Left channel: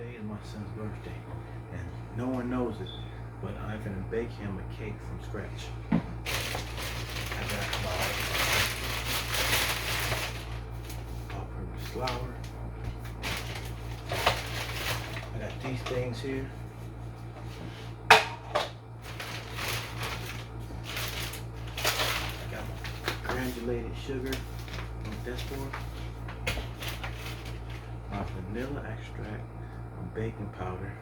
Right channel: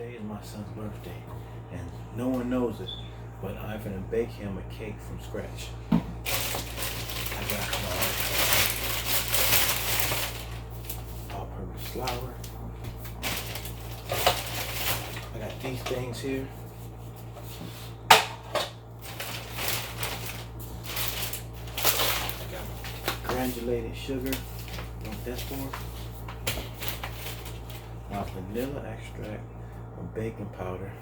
Today is my son's birthday, and no one knows it, but I'm gonna bake him a cake from scratch. I got my all-purpose flour. I got these things here. I got my granulated sugar. What that's for? My vanilla extract, my baking powder,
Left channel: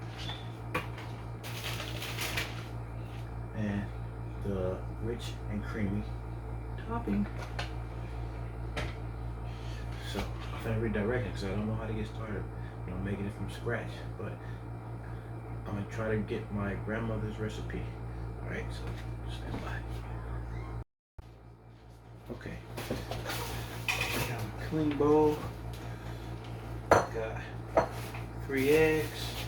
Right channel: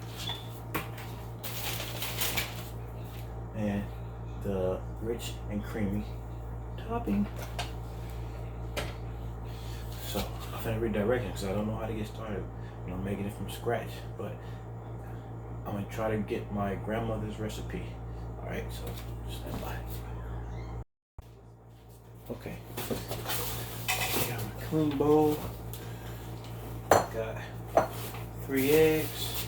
and the rich and creamy topping. So I'm gonna redirect it because I don't know how to get started when I'm making it from scratch, but I'm gonna try to get my grandmother's recipe. All right, so stand by. Okay, I got my clean bowl. Got 3 eggs.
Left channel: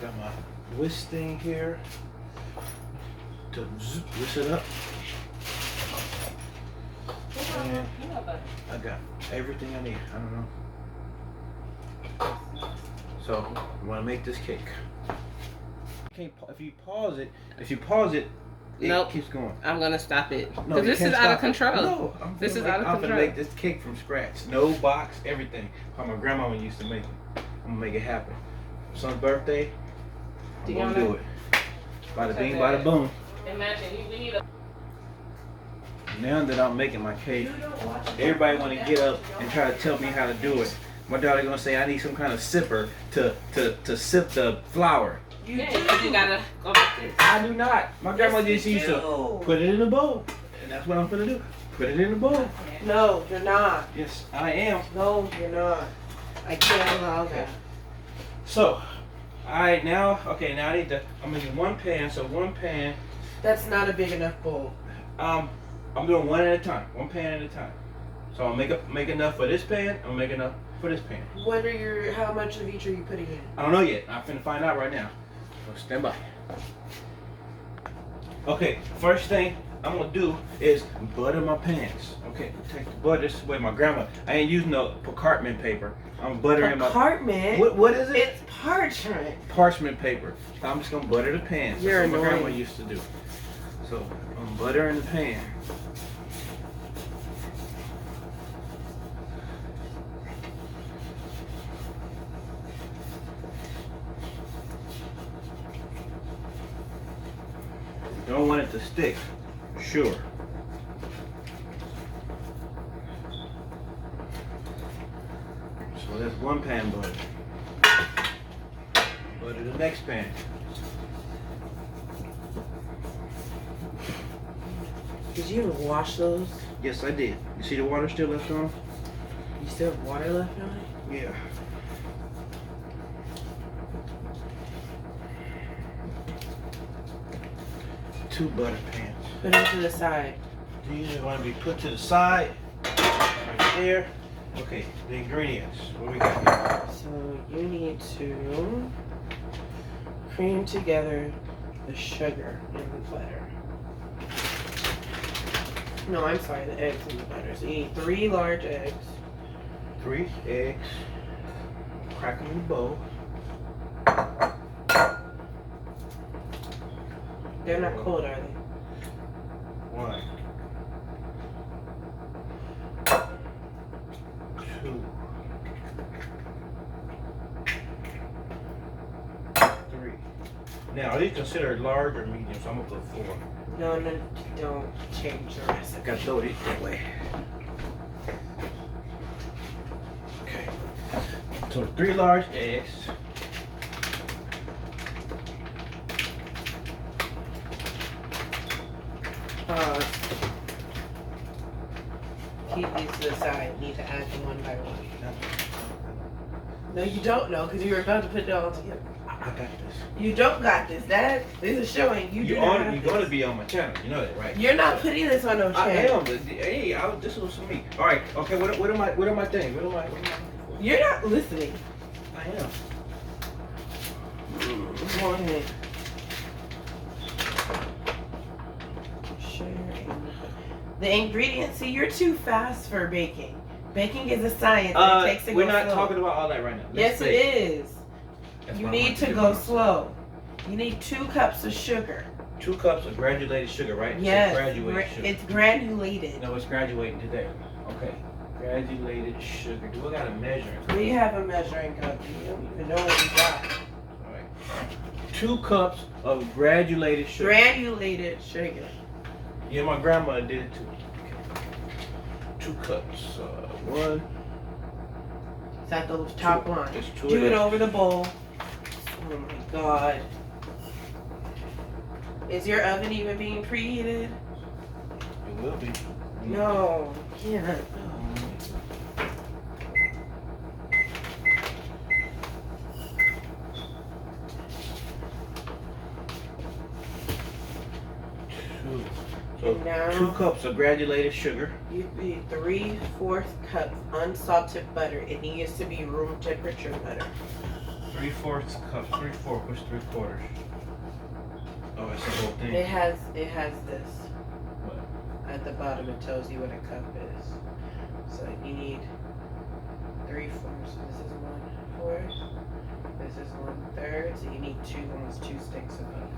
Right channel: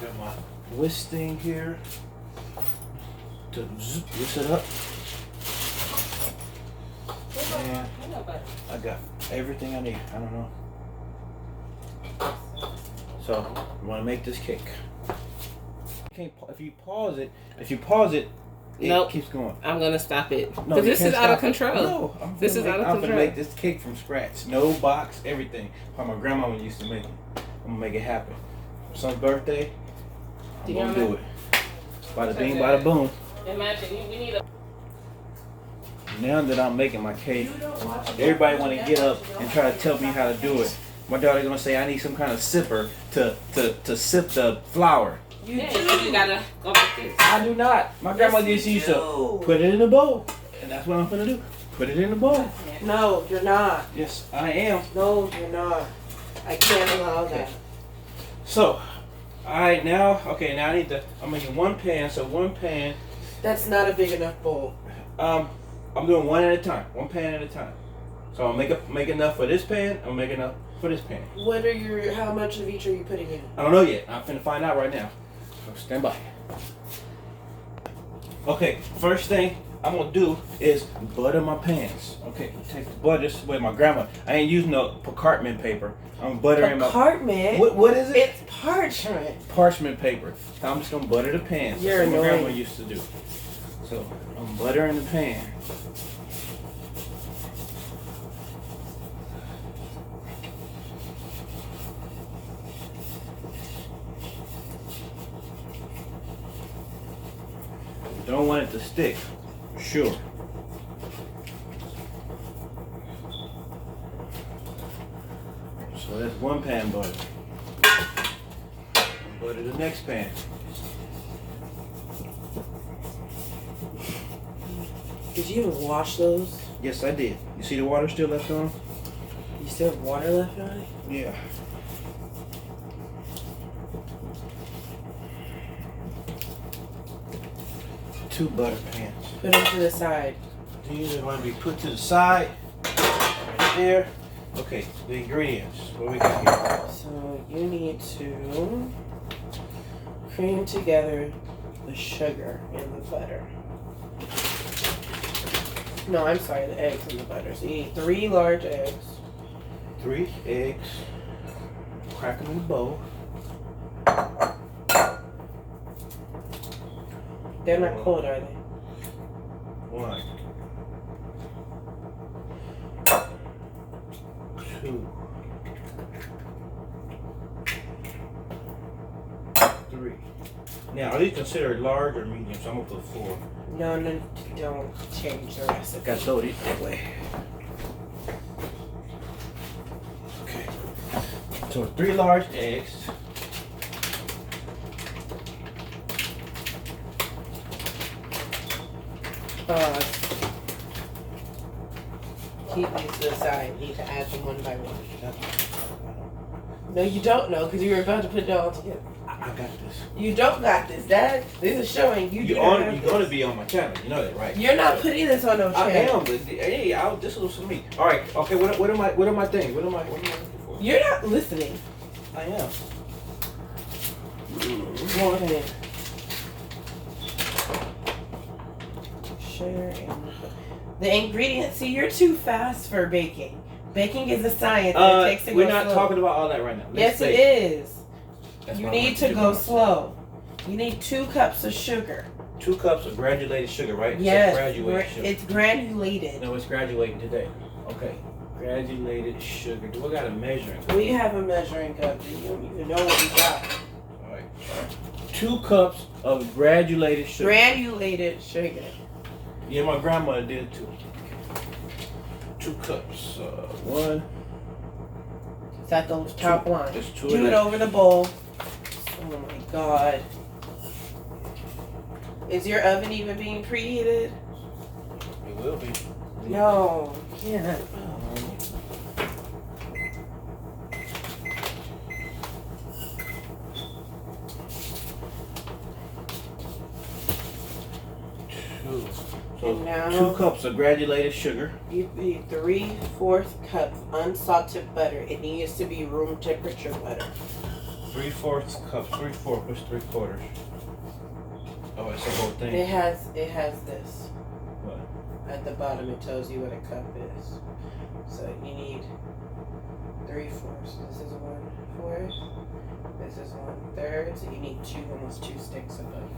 Got my whisk thing here to whisk it up. And I got everything I need. I don't know. So I want to make this cake. If you pause it, it Nope. keeps going. I'm gonna stop it No, because you this can't is out of stop it. control. No, This is out of I'm control. gonna make this cake from scratch. No box, everything. How my grandma used to make it. I'm gonna make it happen. Son's birthday. I'm gonna do it. Bada bing, bada boom. Imagine we need a. Now that I'm making my cake, everybody want to get up and try to tell me how to do it. My daughter gonna say I need some kind of sipper to sip the flour. You gotta go like this. I do not. My grandma just used to put it in a bowl, and that's what I'm gonna do. Put it in a bowl. No, you're not. Yes, I am. No, you're not. I can't allow that. So, alright, now I need to, I'm making one pan, so one pan, That's not a big enough bowl. I'm doing one at a time, one pan at a time. So I'll make enough for this pan, I'll make enough for this pan. How much of each are you putting in? I don't know yet, I'm finna find out right now. So stand by. Okay, first thing I'm gonna do is butter my pans. Okay, take the butter, this is with my grandma. I ain't using no parchment paper. I'm buttering my, Parchment? what is it? It's parchment. Parchment paper. I'm just gonna butter the pan. You're That's what my grandma annoying. used to do. So I'm buttering the pan. You don't want it to stick. Sure. So that's one pan butter. Butter the next pan. Did you even wash those? Yes, I did. You see the water still left on? You still have water left on it? Yeah. Two butter pans. Put them to the side. These are going to be put to the side. Right there. Okay, the ingredients. What we got here? So you need to cream together the sugar and the butter. No, I'm sorry, the eggs and the butter. So you need 3 large eggs. 3 eggs. Crack them in the bowl. They're not cold, are they? 1, 2, 3. Now, are these considered large or medium? So I'm gonna put 4. No, don't change the recipe. Gotta throw these that way. Okay. So 3 large eggs. Keep these to the side. You need to add them one by one. No, you don't know because you were about to put it all together. I got this. You don't got this, Dad. This is showing you. You're gonna be on my channel. You know that, right? You're not putting this on no I channel. am, but hey, this was for me. All right. Okay. What are my things? What am I looking for? You're not listening. I am. Go ahead. Sugar and the ingredients. See, you're too fast for baking. Baking is a science. And it takes to we're go not slow. talking about all that right now. Yes, it is. That's You why I need want to do go by myself. slow. You need 2 cups of sugar. 2 cups of granulated sugar, right? Yes, So graduated sugar. it's granulated. No, it's graduating today. Okay. Granulated sugar. Do I got a measuring cup? We have a measuring cup. You don't even know what we got. All right. 2 cups of granulated sugar. Granulated sugar. Yeah, my grandmother did it too. 2 cups. 1. It's at the top line. There's 2 Do of it them. over the bowl. Oh my god. Is your oven even being preheated? It will be. No, you can't. Two. And now 2 cups of granulated sugar. you need 3/4 cup unsalted butter. It needs to be room temperature butter. 3/4 cups. 3/4. What's 3/4? Oh, it's the whole thing. It has this. What? At the bottom it tells you what a cup is. So you need 3/4. So this is 1/4. This is 1/3. So you need almost 2 sticks of butter.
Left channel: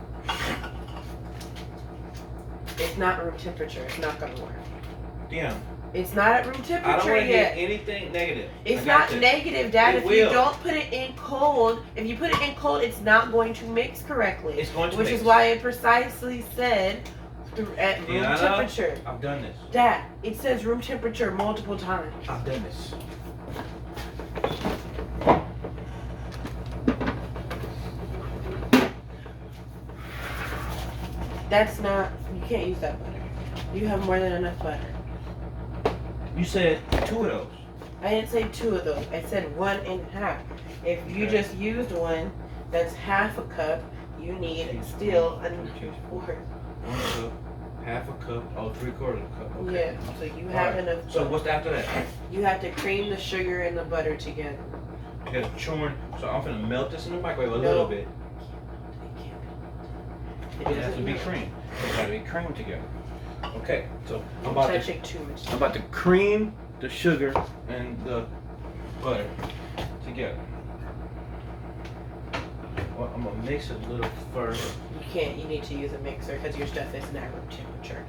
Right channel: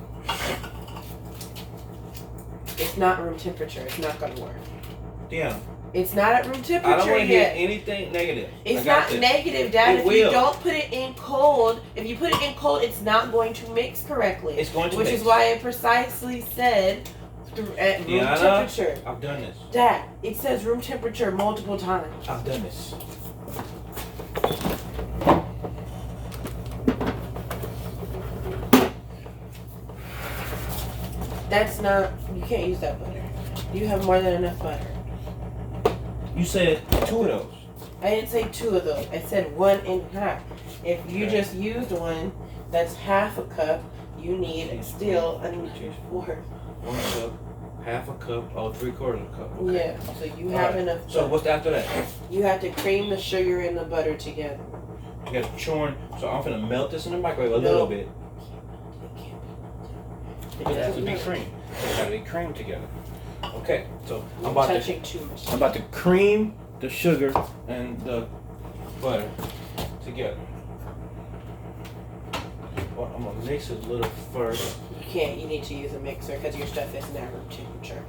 It's not room temperature. It's not gonna work. Yeah. It's not at room I don't temperature want to hear yet. anything negative. It's I got not this. negative, Dad. It If you will. don't put it in cold, if you put it in cold, it's not going to mix correctly. It's going to Which mix. is why it precisely said at room Yeah. temperature. I've done this. Dad, it says room temperature multiple times. I've done this. That's not, you can't use that butter. You have more than enough butter. You said 2 of those. I didn't say 2 of those. I said 1.5. If you Okay. just used one, that's half a cup. You need still a fourth. 1 cup, half a cup, 3/4 cup. Okay. Yeah, so you have Alright. enough. So what's after that? You have to cream the sugar and the butter together. You got to churn. So I'm gonna melt this in the microwave a No. little bit. It It has to doesn't be melt. cream. It got to be creamed together. Okay. So You're I'm about to touching too much. cream the sugar and the butter together. Well, I'm gonna mix it a little first. You can't. You need to use a mixer because your stuff is not room temperature.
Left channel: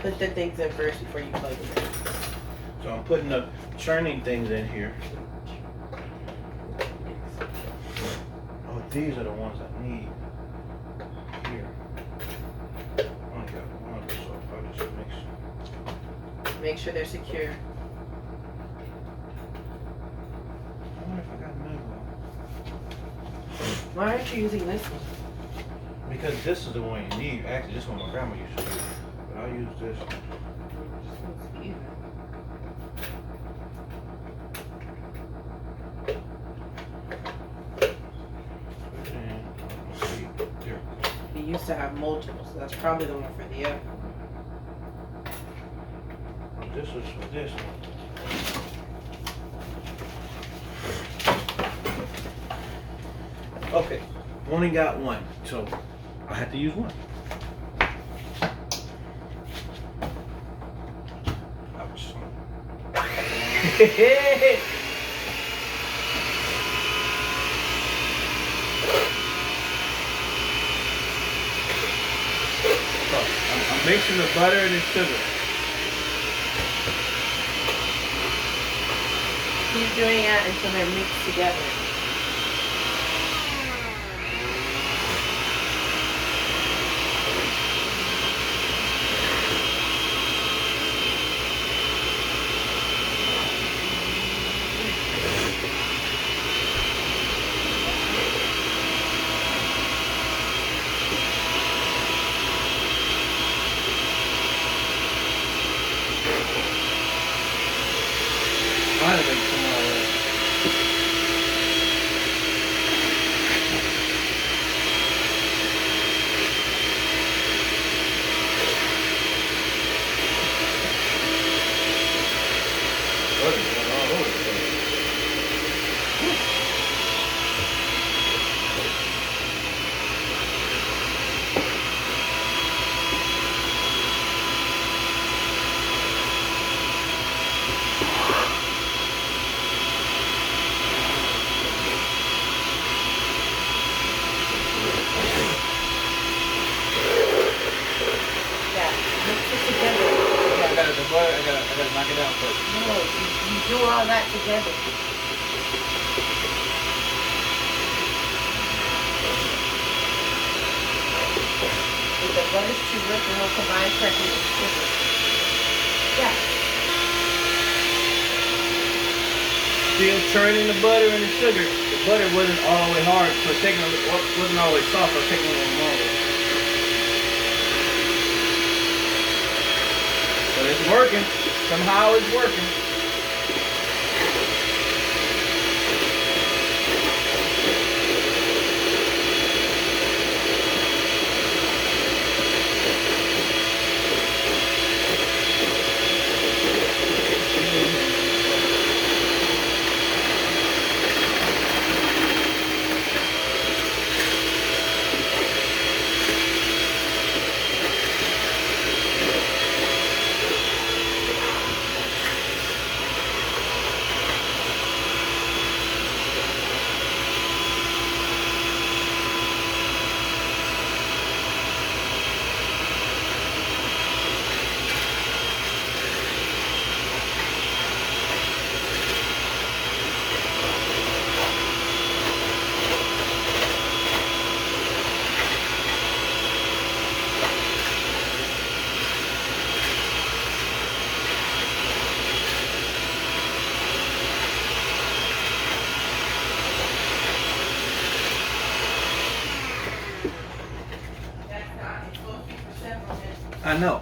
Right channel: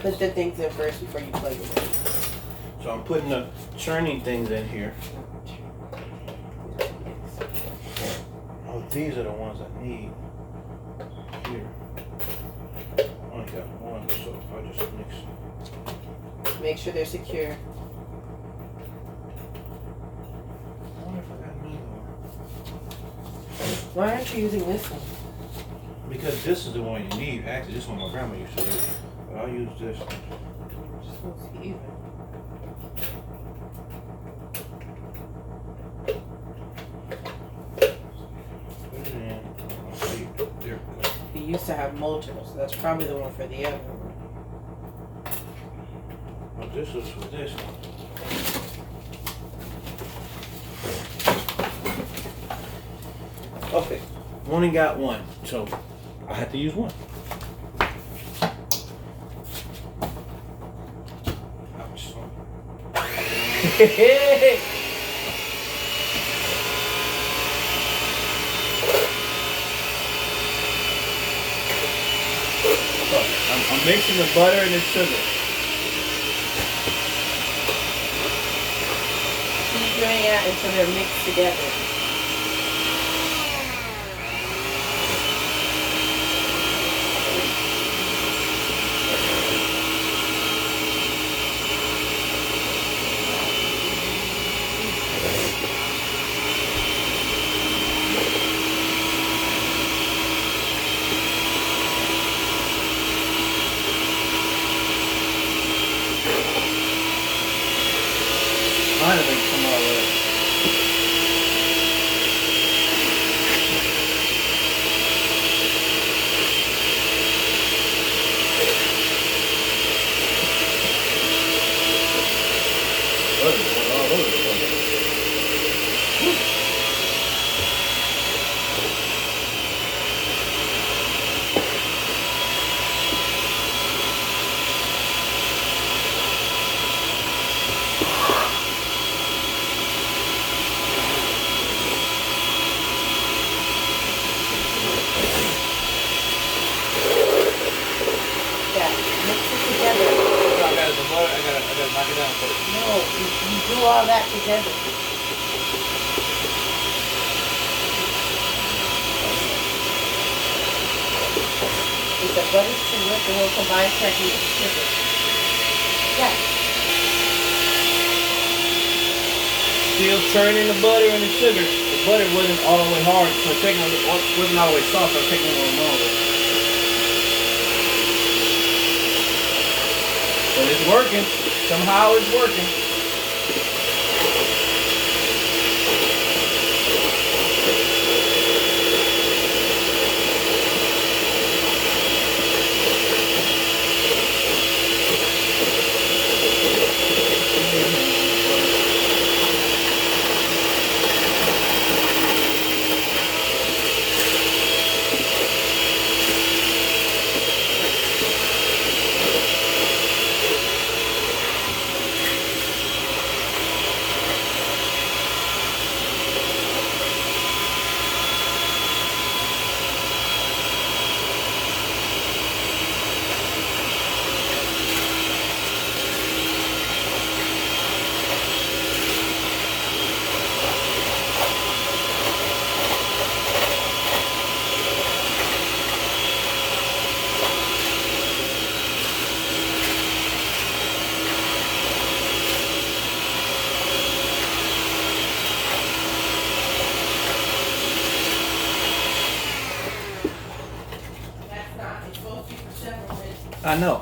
Put the things in first before you plug them in. So I'm putting the churning things in here. Oh, these are the ones I need. Here. I only got one, so I'll just mix it. Make sure they're secure. I wonder if I got another one. Why aren't you using this one? Because this is the one you need. Actually, this one my grandma used to use. But I'll use this one. Just looks even. Put it in. See, there we go. You used to have multiple, so that's probably the one for the other one. Well, this is for this one. Okay, only got one, so I had to use one. Ouch. So, I'm mixing the butter and the sugar. Keep doing it until they're mixed together. I had to make some of it. Butter going all over the place. chocolate. No, you do all that together. If the butter's too rich, then we'll combine checking with sugar. Yeah. Still churning the butter and the sugar. The butter wasn't all the way hard, so it wasn't all the way soft, so it's taking a little longer. But it's working. Somehow it's working.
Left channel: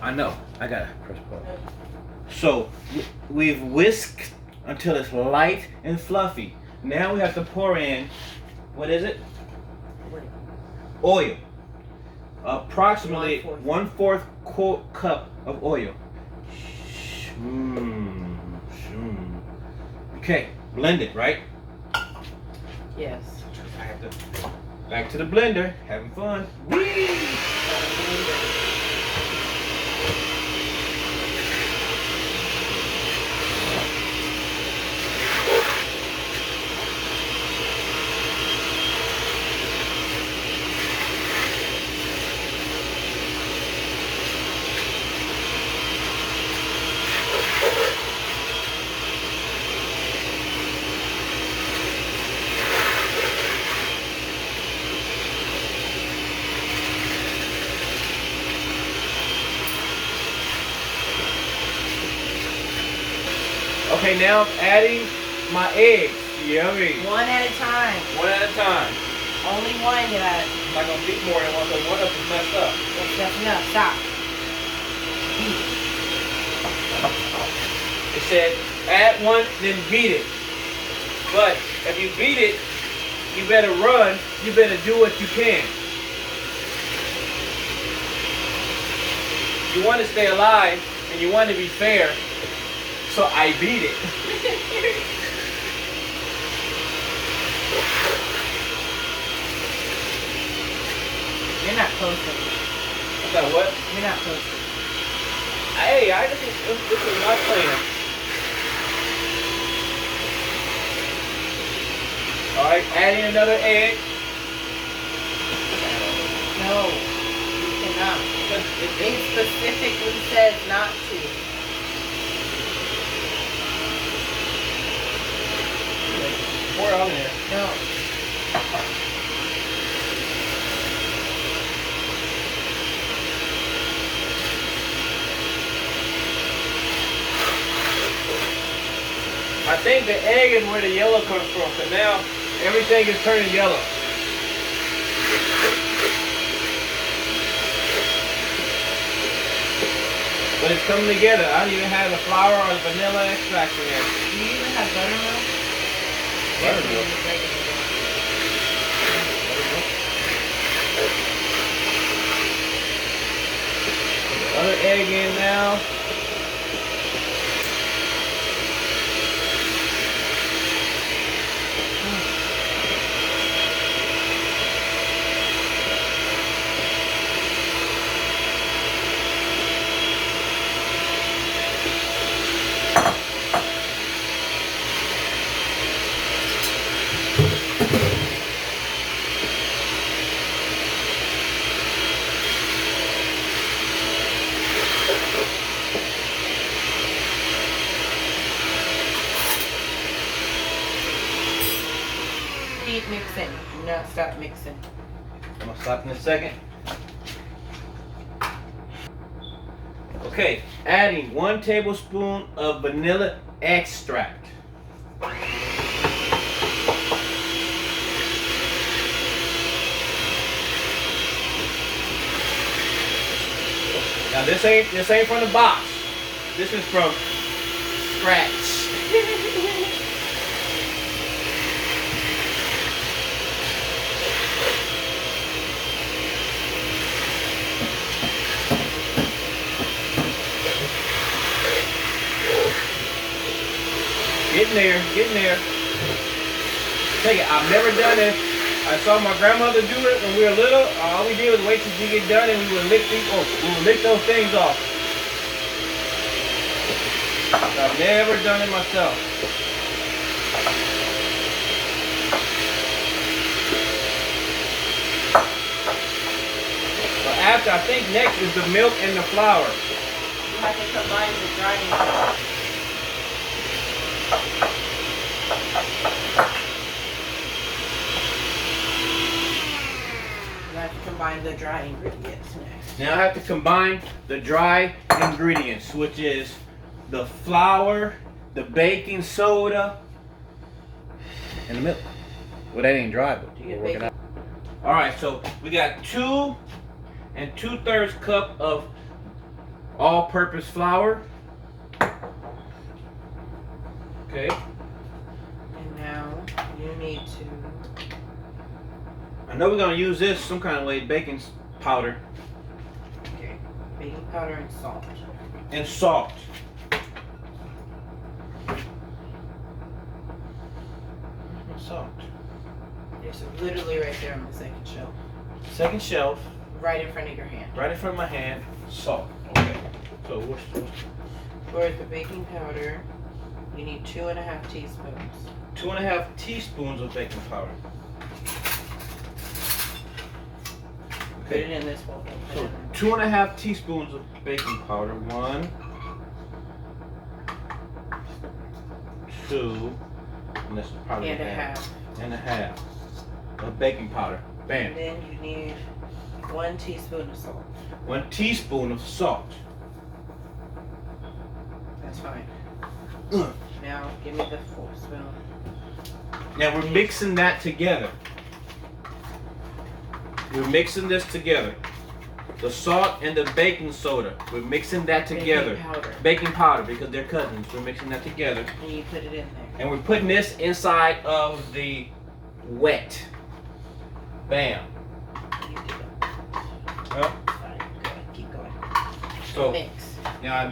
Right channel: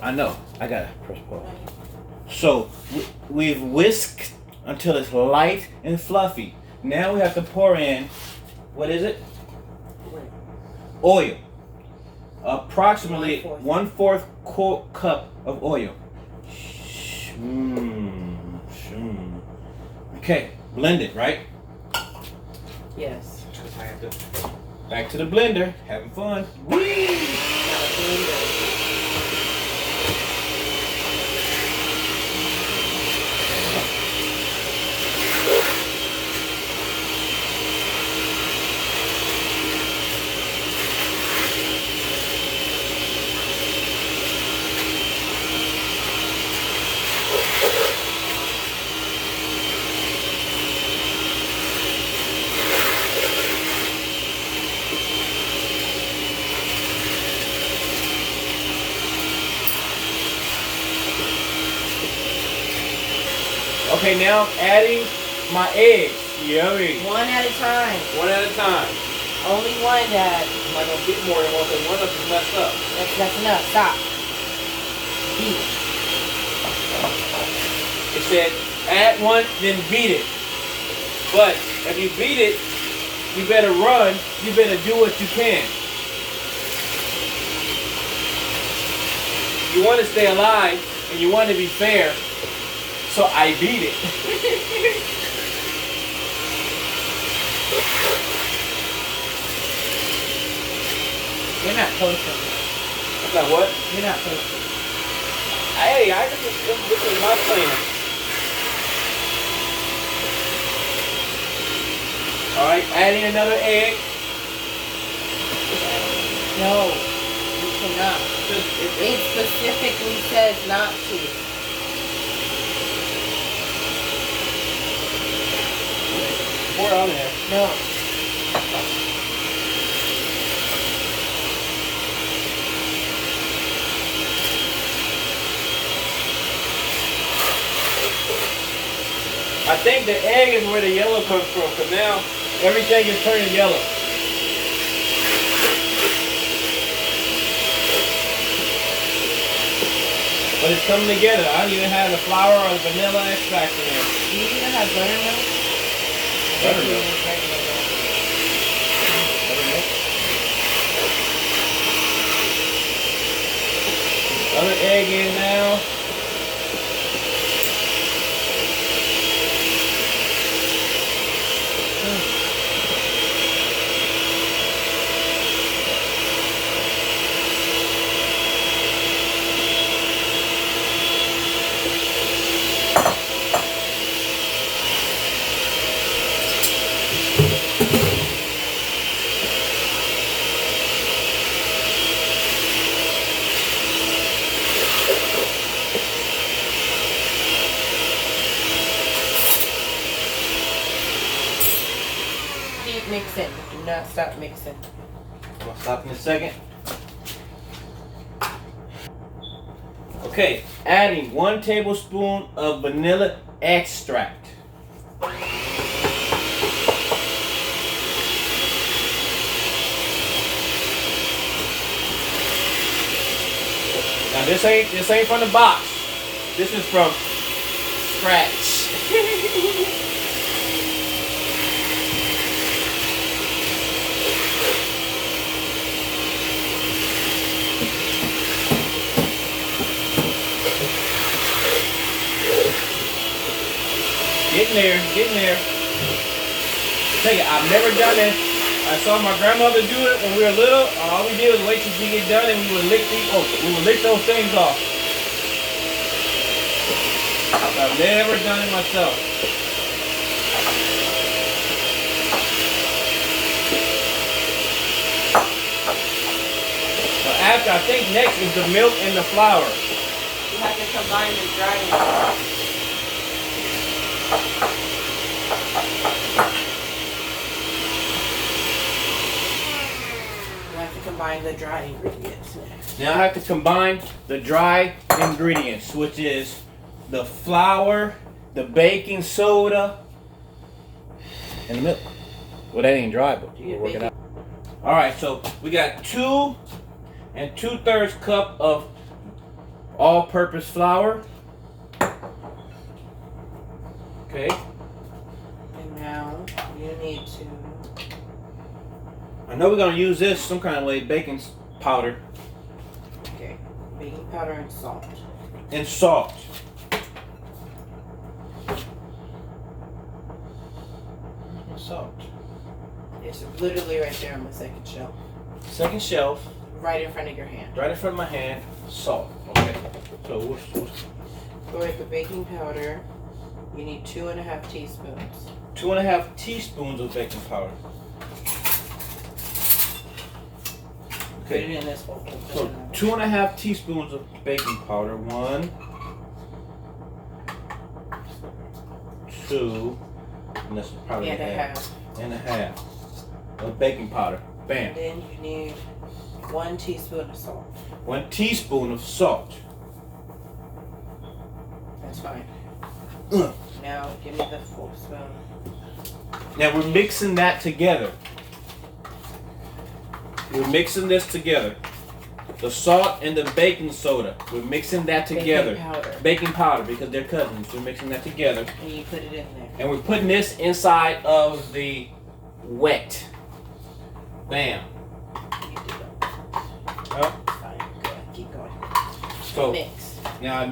I know. I gotta press pause. So we've whisked until it's light and fluffy. Now we have to pour in, what is it? Oil. Approximately 1/4 cup of oil. Okay, blend it, right? Yes. Back to the blender, having fun. Whee! Okay, now I'm adding my eggs. Yummy. One at a time. One at a time. Only one, Dad. I'm not gonna beat more than one because one of them is messed up. That's enough. Stop. Beat. It said add one, then beat it. But if you beat it, you better run. You better do what you can. You want to stay alive and you want to be fair. So I beat it. You're not posting. I got what? You're not posting. Hey, this is my plan. Alright, adding another egg. No, you cannot. It specifically says not to. Pour it on there. No. I think the egg is where the yellow comes from, because now everything is turning yellow. But it's coming together. I don't even have the flour or the vanilla extract in here. Do you even have buttermilk? Buttermilk. Other egg in now. Keep mixing. Do not stop mixing. I'm gonna stop in a second. Okay, adding 1 tablespoon of vanilla extract. Now this ain't from the box. This is from scratch. Getting there. Tell you, I've never done this. I saw my grandmother do it when we were little. All we did was wait till she get done, and we would lick those things off. I've never done it myself. But after, I think next is the milk and the flour. You have to combine the dry and You have to combine the dry ingredients next. Now I have to combine the dry ingredients, which is the flour, the baking soda, and the milk. Well, that ain't dry, but we're working out. All right, so we got 2 2/3 cup of all-purpose flour. Okay. And now you need to. I know we're gonna use this some kind of way, baking powder Okay. Baking powder and salt. and salt. Salt. It's literally right there on the second shelf. Second shelf, Right in front of your hand. right in front of my hand, salt. Okay. So For the baking powder, you need 2.5 teaspoons. 2.5 teaspoons of baking powder. Put it in this bowl. So 2.5 teaspoons of baking powder. 1, 2, and that's probably And a half. and a half of baking powder. Bam. And then you need 1 teaspoon of salt. 1 teaspoon of salt. That's fine. Mm. Now give me the full spoon. Now we're mixing that together. We're mixing this together. The salt and the baking soda. We're mixing that together. Baking powder. Baking powder, because they're cousins. We're mixing that together. And you put it in there. And we're putting this inside of the wet. Bam. You do that. Huh? Fine. Good. Keep going. So Mix. now I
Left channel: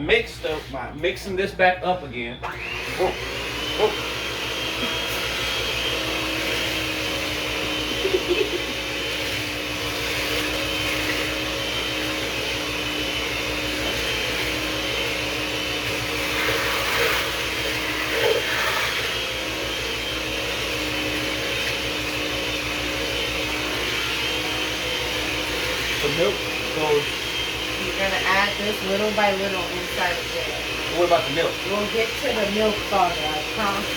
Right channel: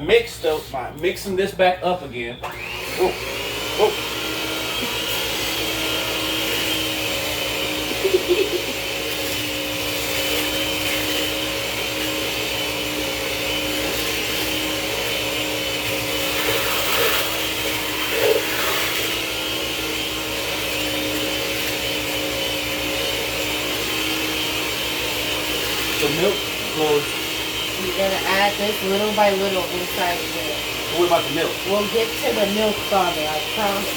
mixing this back up again. Whoa. Whoa. The milk goes. You're gonna add this little by little inside there. What about the milk? We'll get to the milk farther, I promise.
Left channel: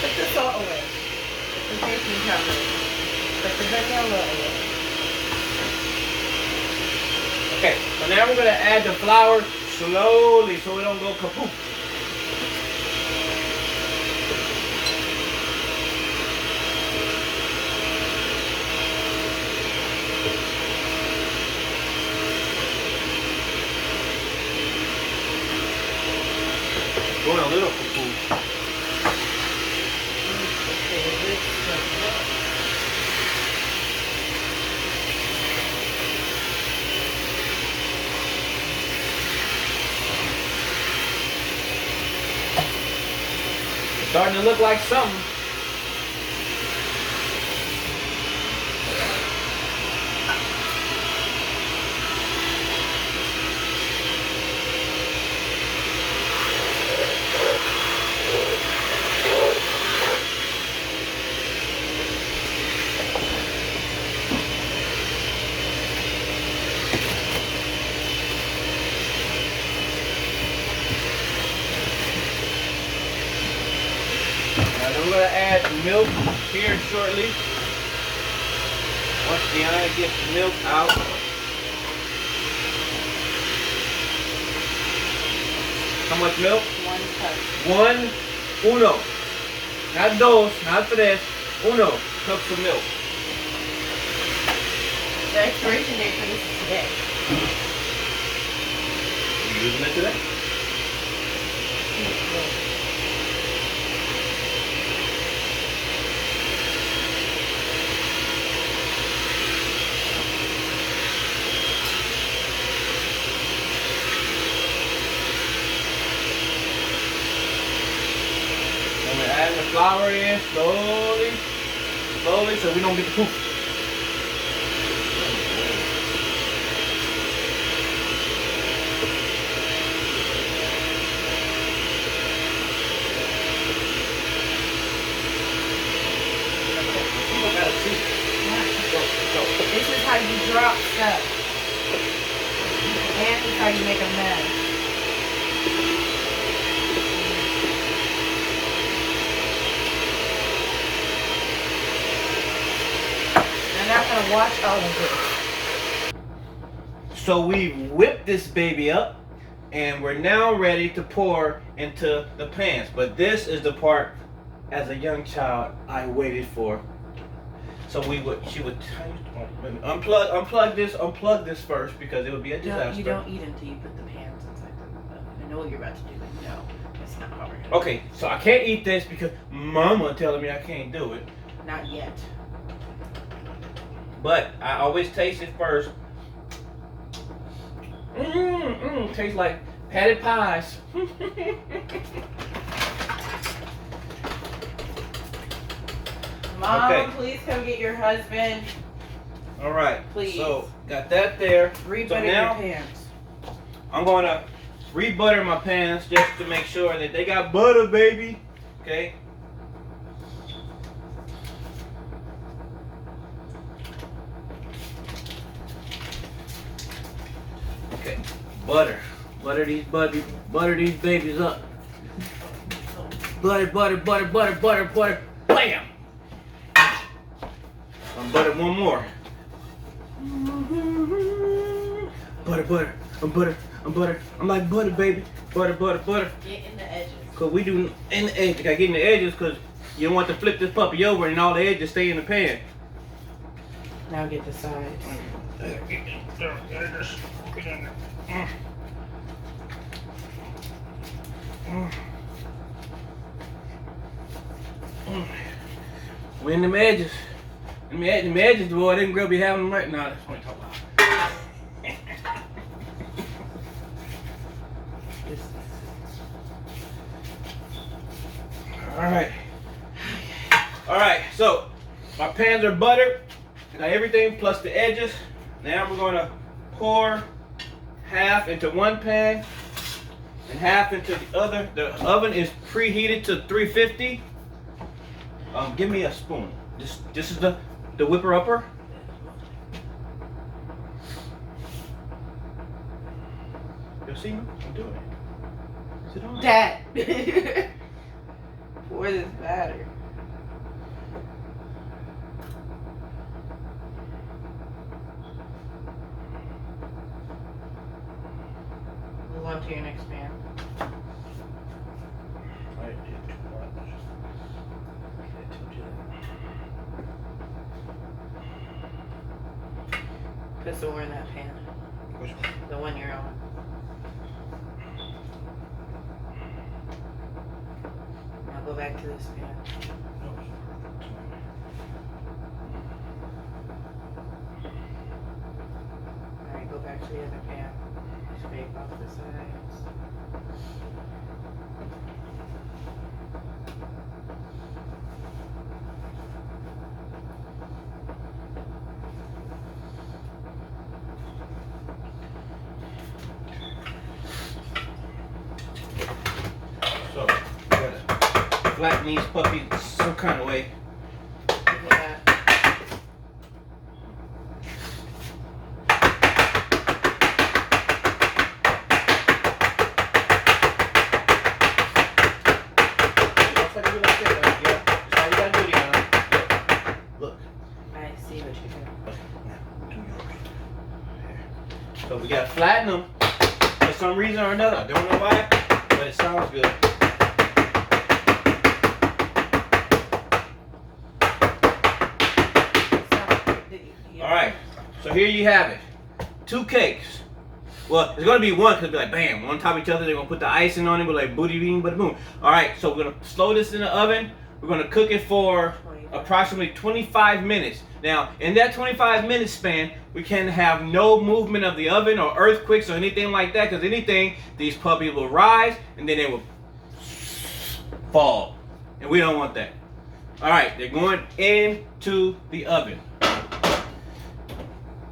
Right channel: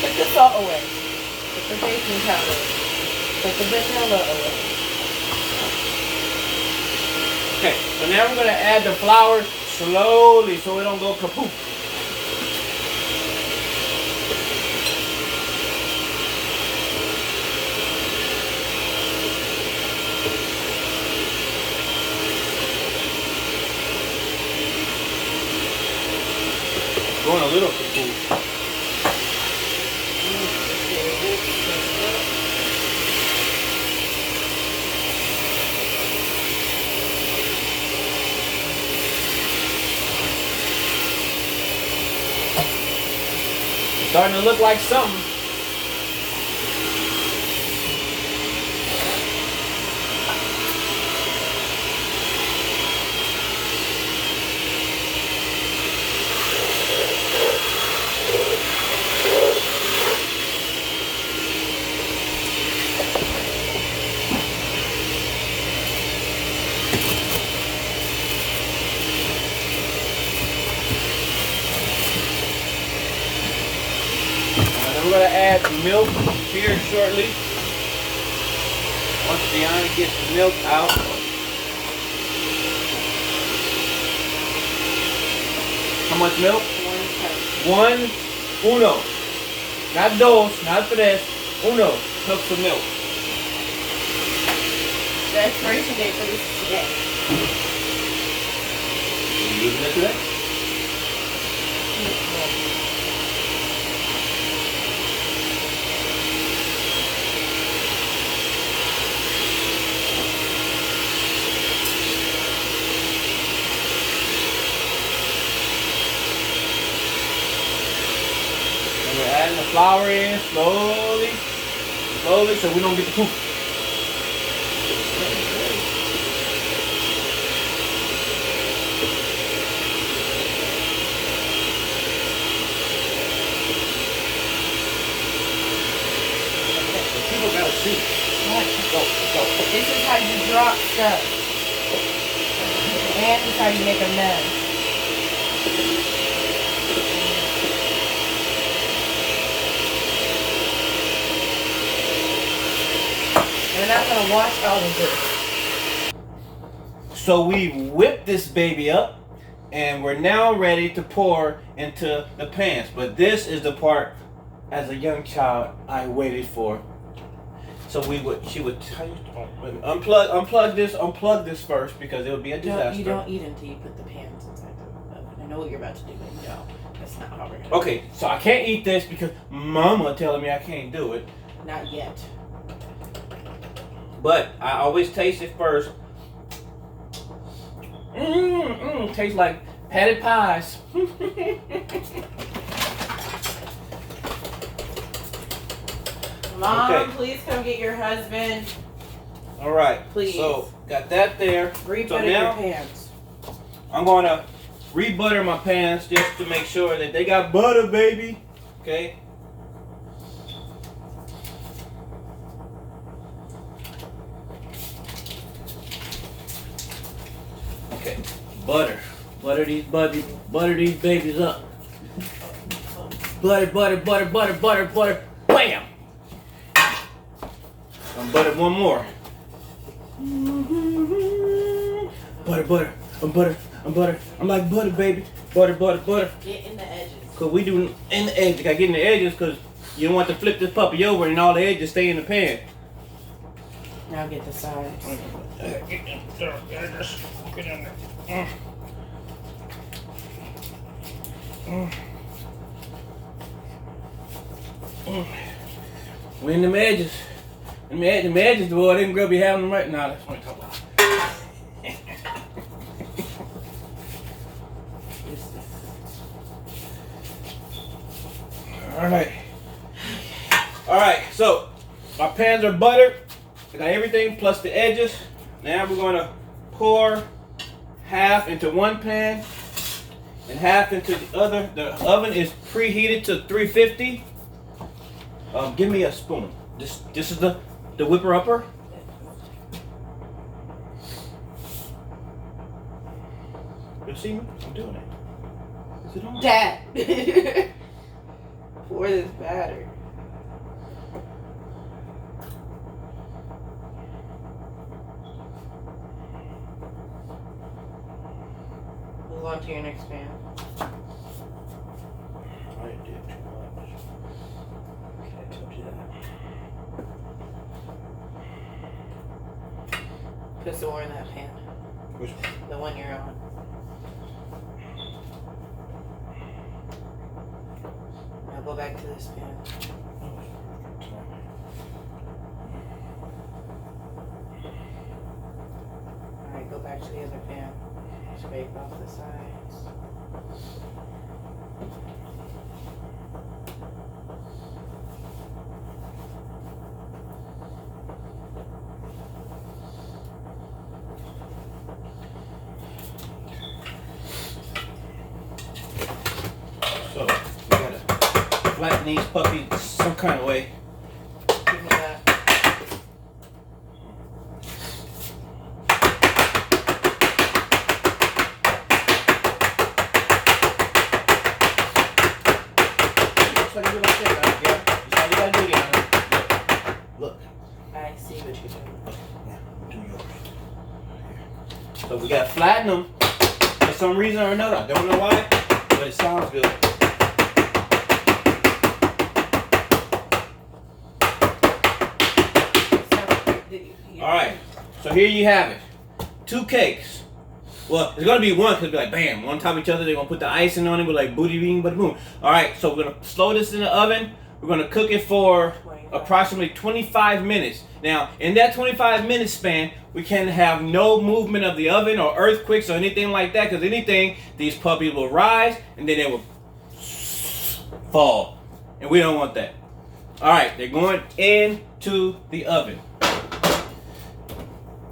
Put the salt away. Put the baking powder away. Put the vanilla away. Okay, so now we're gonna add the flour slowly so it don't go kaput. Going a little kaput. It's starting to look like something. we're gonna add the milk here shortly. Once Deanna gets the milk out. How much milk? 1 cup. Uno. Not dos, not tres. Uno cups of milk. The expiration date for this is today. You using it today? And we're adding the flour in slowly, so we don't get the poop. People gotta see. Go. This is how you drop stuff. And this is how you make a mess. You're not gonna wash all of this. So we whipped this baby up, and we're now ready to pour into the pans. But this is the part, as a young child, I waited for. So she would unplug this first because it would be a disaster. You don't eat until you put the pans inside the oven. I know what you're about to do, but no, that's not how we're gonna Okay, so I can't eat this because Mama telling me I can't do it. do it. Not yet. But I always taste it first. Tastes like patty pies. Mom, Okay. please come get your husband. All right. Please. So got that there. Rebutter So now your pans. I'm gonna re-butter my pans just to make sure that they got butter, baby. Okay. Okay. Butter these babies up. Butter. Bam. I'm butter one more. Butter. I'm like butter, baby. Butter. Get in the edges. Cause we do in the edges. Gotta get in the edges cause you don't want to flip this puppy over and all the edges stay in the pan. Now get the sides. We in them edges. Them edges, boy, them girl be having them right now. That's what I'm talking about. All right, so my pans are buttered. I got everything plus the edges. Now we're gonna pour half into one pan and half into the other. The oven is preheated to 350. Give me a spoon. This is the whipper upper. You see me? I'm doing it. Is it on? Dad. Pour this batter. Move on to your next pan. I did too much. Okay, I told you that. Put some more in that pan. Which one? The one you're on. Now go back to this pan. Alright, go back to the other pan. Scrape off the sides. So we gotta flatten these puppies some kind of way. Give me that. Looks like you like that, yeah. We got to flatten them for some reason or another. I don't know why, but it sounds good. All right, so here you have it. 2 cakes. Well, it's gonna be one because be like bam, one on top of each other. They're gonna put the icing on it with like booty bing, bada boom. All right, so we're gonna slow this in the oven. We're gonna cook it for approximately 25 minutes. Now, in that 25-minute span, we can have no movement of the oven or earthquakes or anything like that. Because anything, these puppies will rise and then they will fall, and we don't want that. All right, they're going into the oven.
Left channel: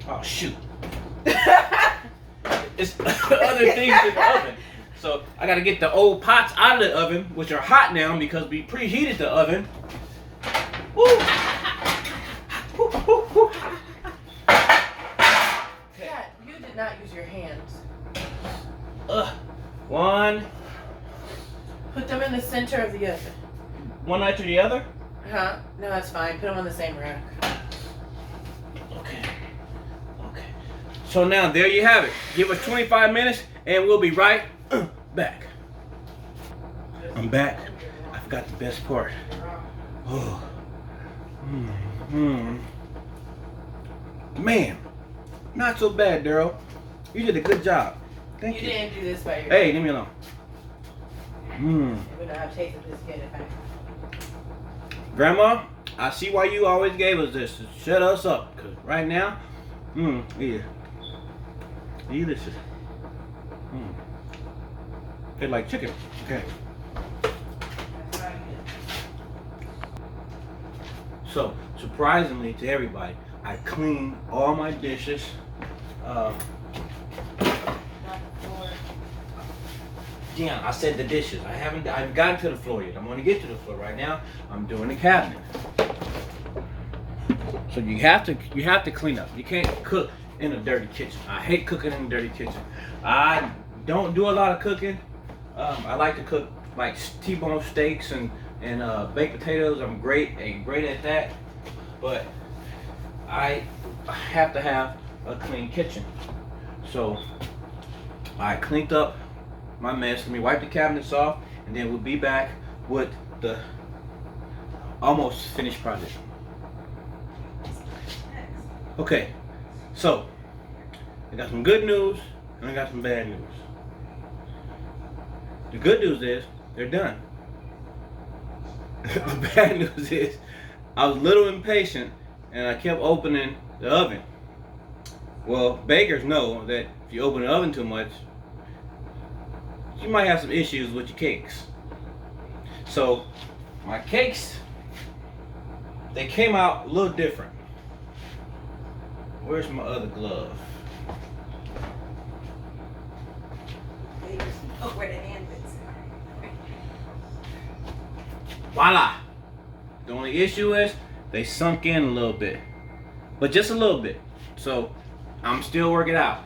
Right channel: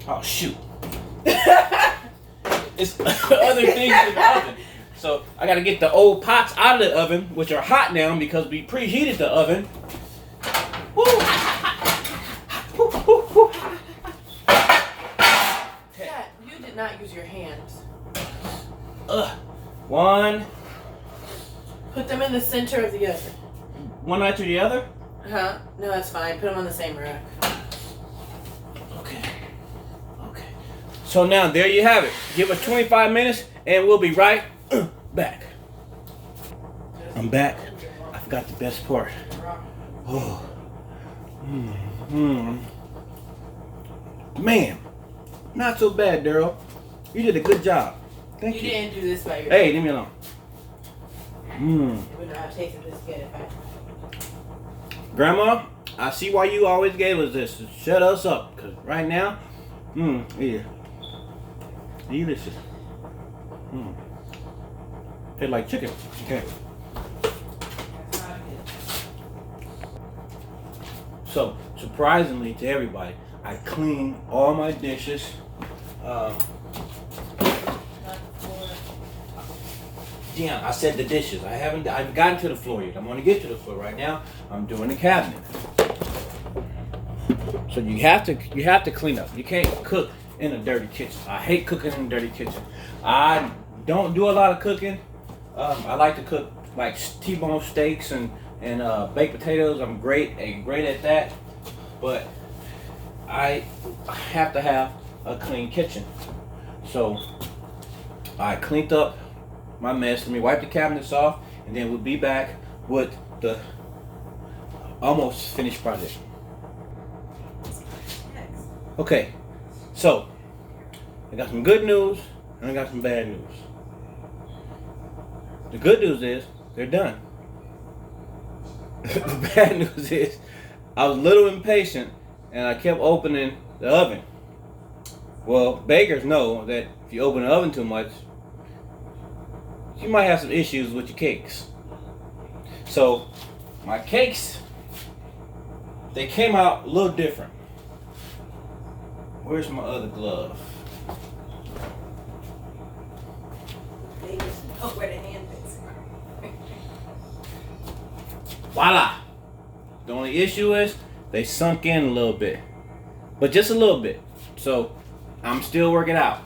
Oh shoot. It's other things in the oven. So I gotta get the old pots out of the oven, which are hot now because we preheated the oven. Woo. Dad, you did not use your hands. One Put them in the center of the oven. after the other. Huh? No, that's fine. Put them on the same rack. Okay. So now there you have it. Give us 25 minutes and we'll be right back. I'm back. I forgot the best part. Oh. Man, not so bad, Daryl. You did a good job. Thank you. You didn't do this by yourself. Hey, leave me alone. You would not have tasted this good if I. Grandma, I see why you always gave us this. Shut us up, cause right now, yeah, delicious. Tastes like chicken. Okay. So, surprisingly to everybody, I cleaned all my dishes. Damn, I said the dishes. I've gotten to the floor yet. I'm gonna get to the floor right now. I'm doing the cabinet. So you have to clean up. You can't cook in a dirty kitchen. I hate cooking in a dirty kitchen. I don't do a lot of cooking. I like to cook like T-bone steaks and baked potatoes. I'm great at that. But I have to have a clean kitchen. So I cleaned up my mess. Let me wipe the cabinets off, and then we'll be back with the almost finished project. Okay, so I got some good news and I got some bad news. The good news is they're done. The bad news is I was a little impatient and I kept opening the oven. Well, bakers know that if you open the oven too much, you might have some issues with your cakes. So my cakes, they came out a little different. Where's my other glove? Where the hand is. Voila! The only issue is they sunk in a little bit, but just a little bit. So I'm still working out.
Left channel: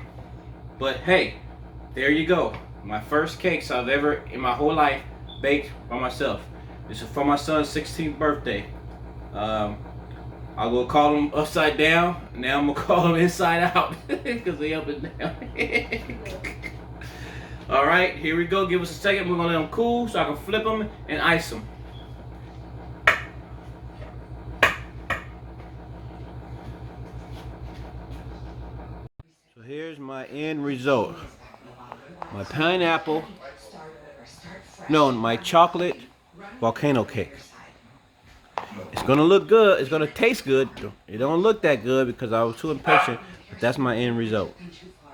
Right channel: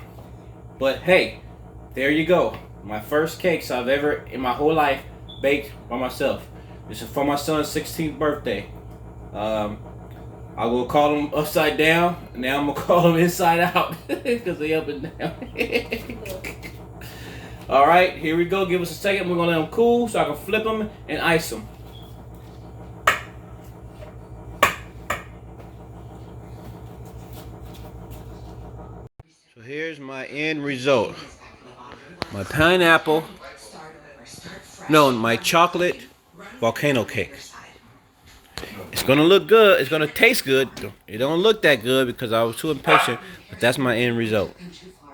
But hey, there you go. My first cakes I've ever in my whole life baked by myself. This is for my son's 16th birthday. I will call them upside down. Now I'm gonna call them inside out because they up and down. All right, here we go. Give us a second. We're gonna let them cool so I can flip them and ice them. So here's my end result. My pineapple, no, my chocolate volcano cake. It's gonna look good. It's gonna taste good. It don't look that good because I was too impatient, but that's my end result.